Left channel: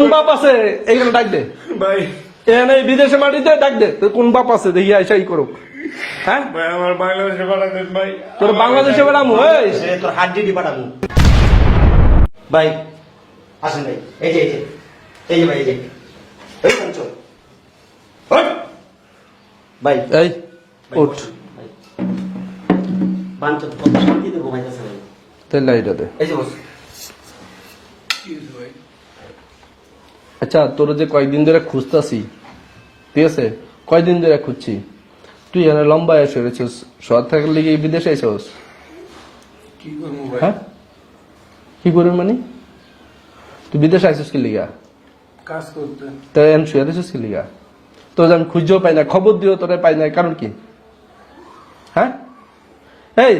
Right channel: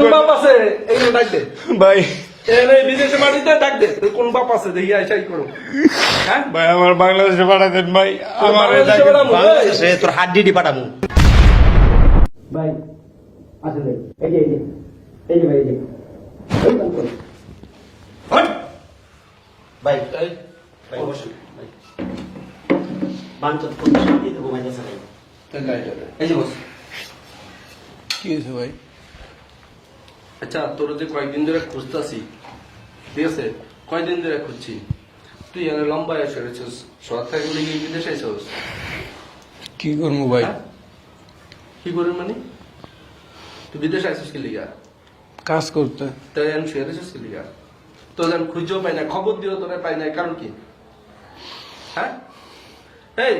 কোন বাপ আছে এইগুলো ডাক দে ভাই এনে বিদেশে মাটিতে ডাক দে তোর কোন বাপ আছে দেখি আইসাই করো হ্যাঁ ভাই আমার বাংলাদেশে পাঠা দেন ভাই তোর বাংলাদেশে বেড়া সে তোর হাড্ডি পাঠাবো ভাই আসেন ভাই এই যে এই যে ভাই এই যে এই চল ভাই এই উঠ পাঁচ শান্তি দেবো ভাই কাছে ভাই তেল লাইটা দে এই যে বস কি হয়েছে ভাই আচ্ছা তোর যে কয়েকদিন ধরে খুঁজতাছি ঠিক আছে কয়েকদিন ধরে খুঁজছি তুই এখানে লম্বা এসে রয়েছিস শহর থেকে লিগে বিদেশে এসেছিস কি করবো ভাই হ্যাঁ কি করবি মানে তুই বিদেশে আইসিস কি লিগা কাজ করতে তাই আমি শুয়ে দিছিস কি লিগা তোর আমি খুঁজেও পাই না খবর দিও তোরে পাই না কারণ কি হ্যাঁ এই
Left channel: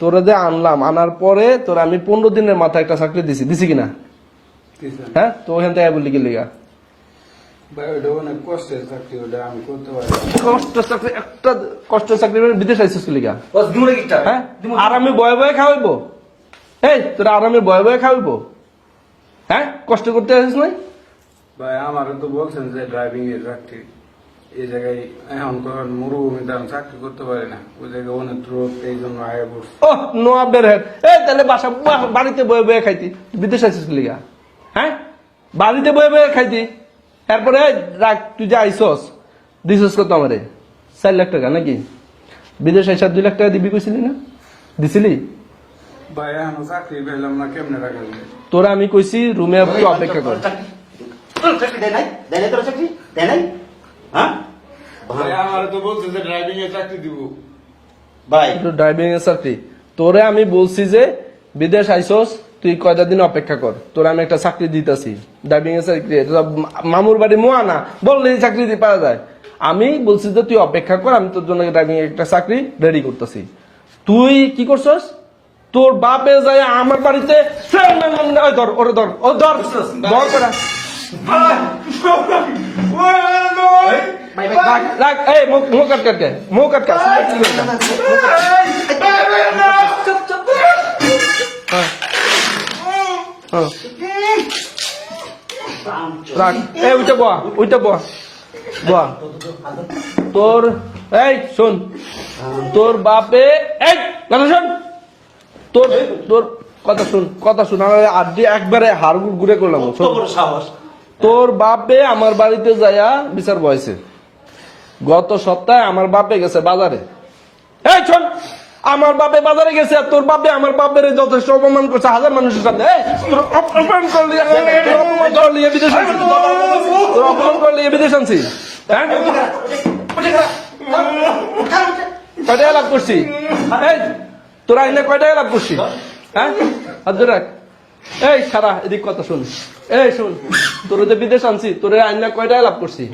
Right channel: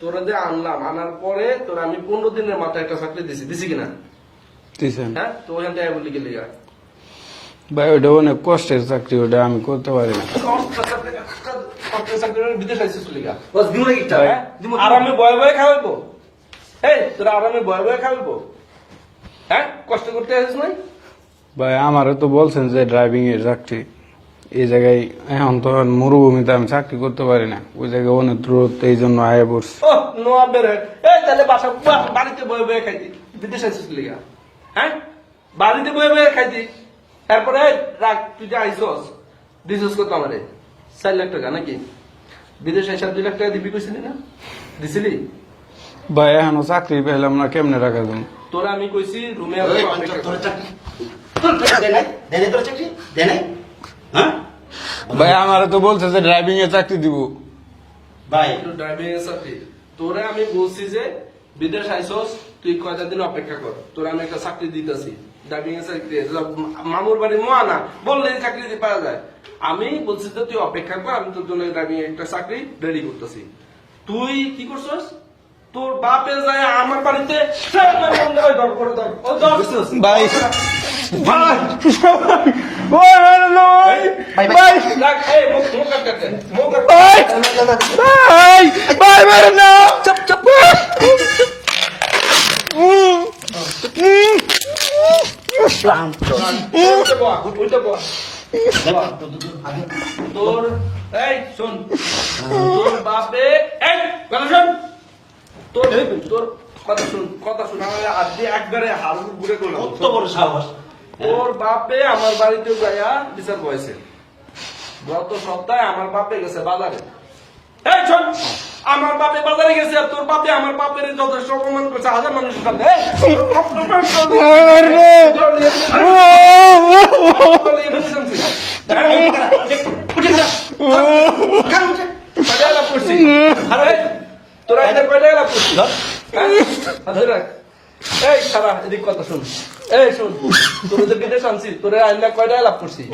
তোরা যে আনলাম আনার পরে তোর আমি 15 দিনের মাথায় একটা চাকরি দিছি কিনা দিছেন হ্যাঁ তো ওখান থেকে বললি কি লিগা ভাই ওটা অনেক কষ্টের চাকরি ওটা আমি করতে পারি না। একটা কষ্টের চাকরি করে বিদেশ আইসিস কি লিগা বস দূরে কিটা হ্যাঁ আরামে বয়ে বয়ে খাওয়াইবো এই তোরা আরামে বয়ে বয়ে খাওয়াইবো হ্যাঁ কষ্ট করতে আসিস না ভাই আমারও তো বলছেন যে ড্রাইভিং এর চাকরি এই জায়গায় এখন তো মরুভূমিতে আমি চাকরি করতে পারি না ওই জায়গায় অনেক দূরত্ব এই জন্য আয় পড়ছি ও নোয়াবের হেড এই তাহলে বাড়িতে বয়ে বয়ে খাইতি বিদেশ আইসিস কি লিগা হ্যাঁ বাড়িতে বয়ে বয়ে খাইতি তারপরে রাখ তুই যে আইসস দিছস কত আমারে 4 লাখ টাকা নাকি বিদেশ আইসা 2 লাখ টাকা দিবি কইছিলি না দিছিলি ভাই এখনো চাকরি পেলাম না কেমনে রাখা যাবো তোরা আমি কইছি রুমে একটু অপেক্ষা কর দেয় নাই তোর চাকরি দেয় নাই হ্যাঁ ভাই আমারও তো বলছে যে ড্রাইভিং এর চাকরি দিব ভাই একটু ড্রাইভিং এর সাথে তোরে আমি বলছি যে বিদেশ আইসস তুই কয়টা দিন অপেক্ষা কর তোরা আমি একটা চাকরি দিতেছি ড্রাইভিং এর চাকরি মামুর বাড়ি মোয়ানা বললে চাকরি দিয়ে পাওয়া যায় আমি বলছি যে তুই অপেক্ষা কর আমি তোর জন্য ড্রাইভিং একটা চাকরি রেডি করতেছি তুই কি করছস তোর বাপে যায় আমার বাড়িতে ওই ধর ওরে ধর ও ধর ভাই। ধর করা। ভাই ভাই ভাই রাখ এই মুখ কাট কাট দে মুখ কাট চুপ চুপ এই উঠে বয়া উঠে বয়া বয়া তোর এই শোন তোর বাপে এই কথা শোন তোর তোর কথা শুন আমার আজকে একবারে হাড় ঘুরে করলাম কত বড় সাহস তোর বাপে আমার বাড়িতে যাইয়া বিচার বয়সে গত সপ্তাহে আমার বাপে গেছে বাজারে এই শোন আমার বাপে বাজারে গেছে আর তোর বাপে আমার বাপের যথেষ্ট অপমান করছে হাজার মানুষের কাছে বিদেশ আনছি কয়টা লাভ করছি তোরা এখানে কয়টা লাভ করছি এই সারা এদিক কথা শুন এই শুন তোর যে বিদেশ আনছি তোর আইনা কয়টা লাভ করছি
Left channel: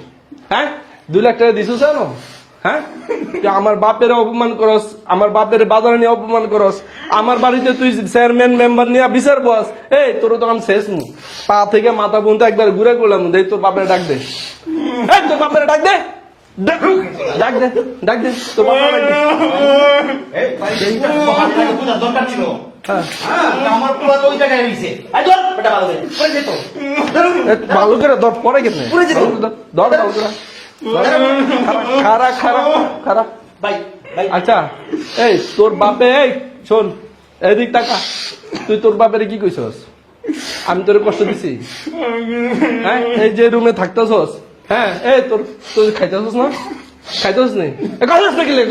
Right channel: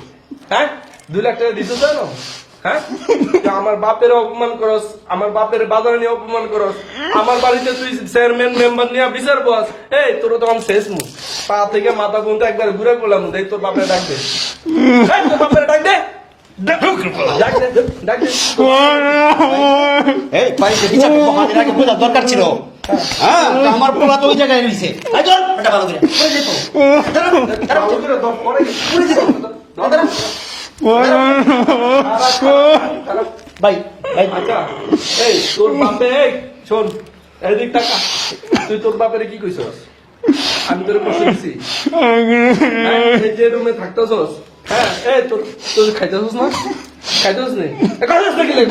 হ্যাঁ 2 লাখ টাকা দিছিস জানো হ্যাঁ আমার বাপের অপমান করস আমার বাপের বাজার নিয়ে অপমান করস আমার বাড়িতে তুই চেয়ারম্যান মেম্বার নিয়ে বিচার বস এই তোর তখন শেষ মু পা থেকে মাথা পর্যন্ত একবার ঘুরে করলাম দেখ তোর বাপের ডাক দে তোর বাপের ডাক দে ডাক দে ডাক দে এই ভাই এই চাকরি তো হাতে রাখা বোঝার দরকার ছিল হ্যাঁ আমার পোলা তো ওই জায়গায় রইছে এই ধর বেটা ভালো করে পড়ে যেত ভালো করে দর পরে গেছে দর খারাপ খারাপ ভাই ভাই আচ্ছা এই তোর বাপে এই শোন এদিক টাকা তুই তোর বাপের কি কইছস আমি তোর কষ্ট দিছি হ্যাঁ এই যে রুমে থাকতেছস হ্যাঁ এই তোর তুই খাইতেছস না খাইতেছস নি কথা কি লে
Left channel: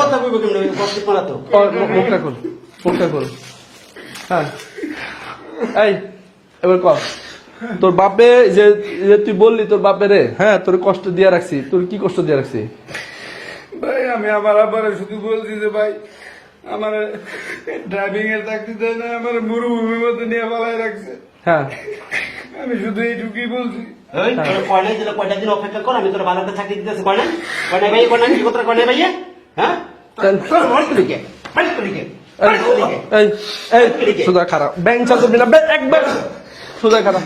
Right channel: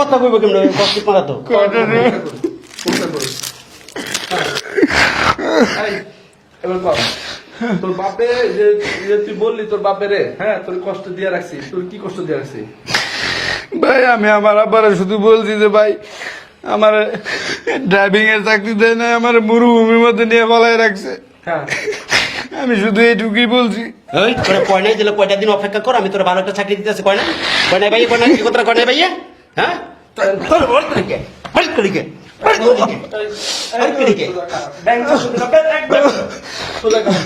কথা কইব কেমনে ওই কষ্ট মারা তো কথা কর হ্যাঁ এই এবার কর তোর বাপে যে তুই বললি তোর বাপে রে হ্যাঁ তোর কষ্ট দিয়ে রাখছি তোর কি কষ্ট দিয়ে রাখছি ভাই আমি আমার আব্বারে শুধু বলছি যে ভাই আমার ড্রাইভিং এর চাকরি দেয় না আমার মরুভূমির মধ্যে নিয়ে বলাই রাখছে হ্যাঁ আমি শুধু এইটুকুই বলছি এই তোরে কয়না দিলে কয়টা দিন অপেক্ষা কর আমি তোর ভালো একটা চাকরি দিতেছি কয়না কয়না ভাই কয়না কি কথা কয়না ভাই হ্যাঁ তোর মন করিকে ফাইট করিকে সুদা খারাপ ব্যাংক চাকরি দিলাম একদম সুদা খারাপ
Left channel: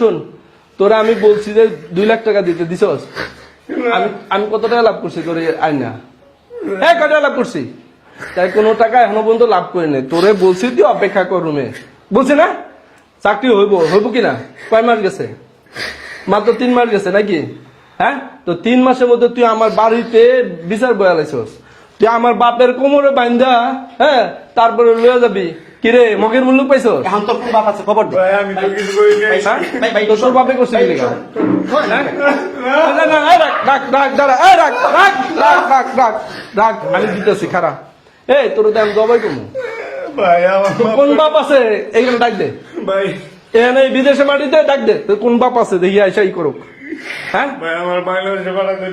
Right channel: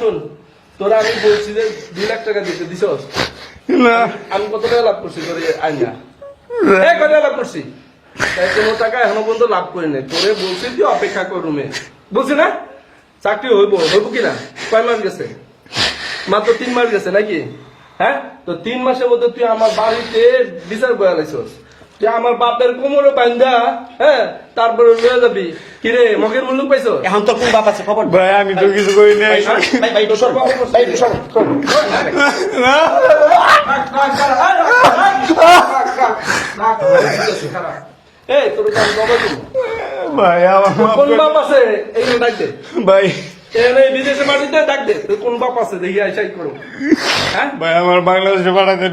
শুন তোরা আমি বলছি যে 2 লাখ টাকা দিতে দিছস আমি কত টাকা লাভ করছি তোর আইনা কত টাকা লাভ করছি তাই কোনো টাকা এখনো পর্যন্ত লাভ করি নাই তোরে বলছি তুই অপেক্ষা কর রুমে বলছি না চাকরি হইব হইব কিনা কয় মাস গেছে মাত্র 3 মাস গেছে নাকি হ্যাঁ তো 3 মাসের মধ্যে তুই আমার বাড়িতে বিচার বয়ালাইছস তুই আমার বাপের কোমরে বান্ধা হ্যাঁ তারপরে লয়ে যাবি কিরে মগের মূল্য পাইছস এখন তোর কোন বাপ আছে খবর দে। ভাই আমি তো কিছু করি নাই ভাই ভাই তোর বাপে করছে কি? রাখ আমি দিতেছি খারাপ এই তোর দাম জবাই দিন ভাই আমার মাফ কোন করে- বাপ আছে এইগুলো ডাক দে ভাই এই বিদেশে মাটিতে ডাক দে তোর কোন বাপ আছে দেখি আইসাই করো হ্যাঁ ভাই আমার বাংলাদেশে পাঠাতে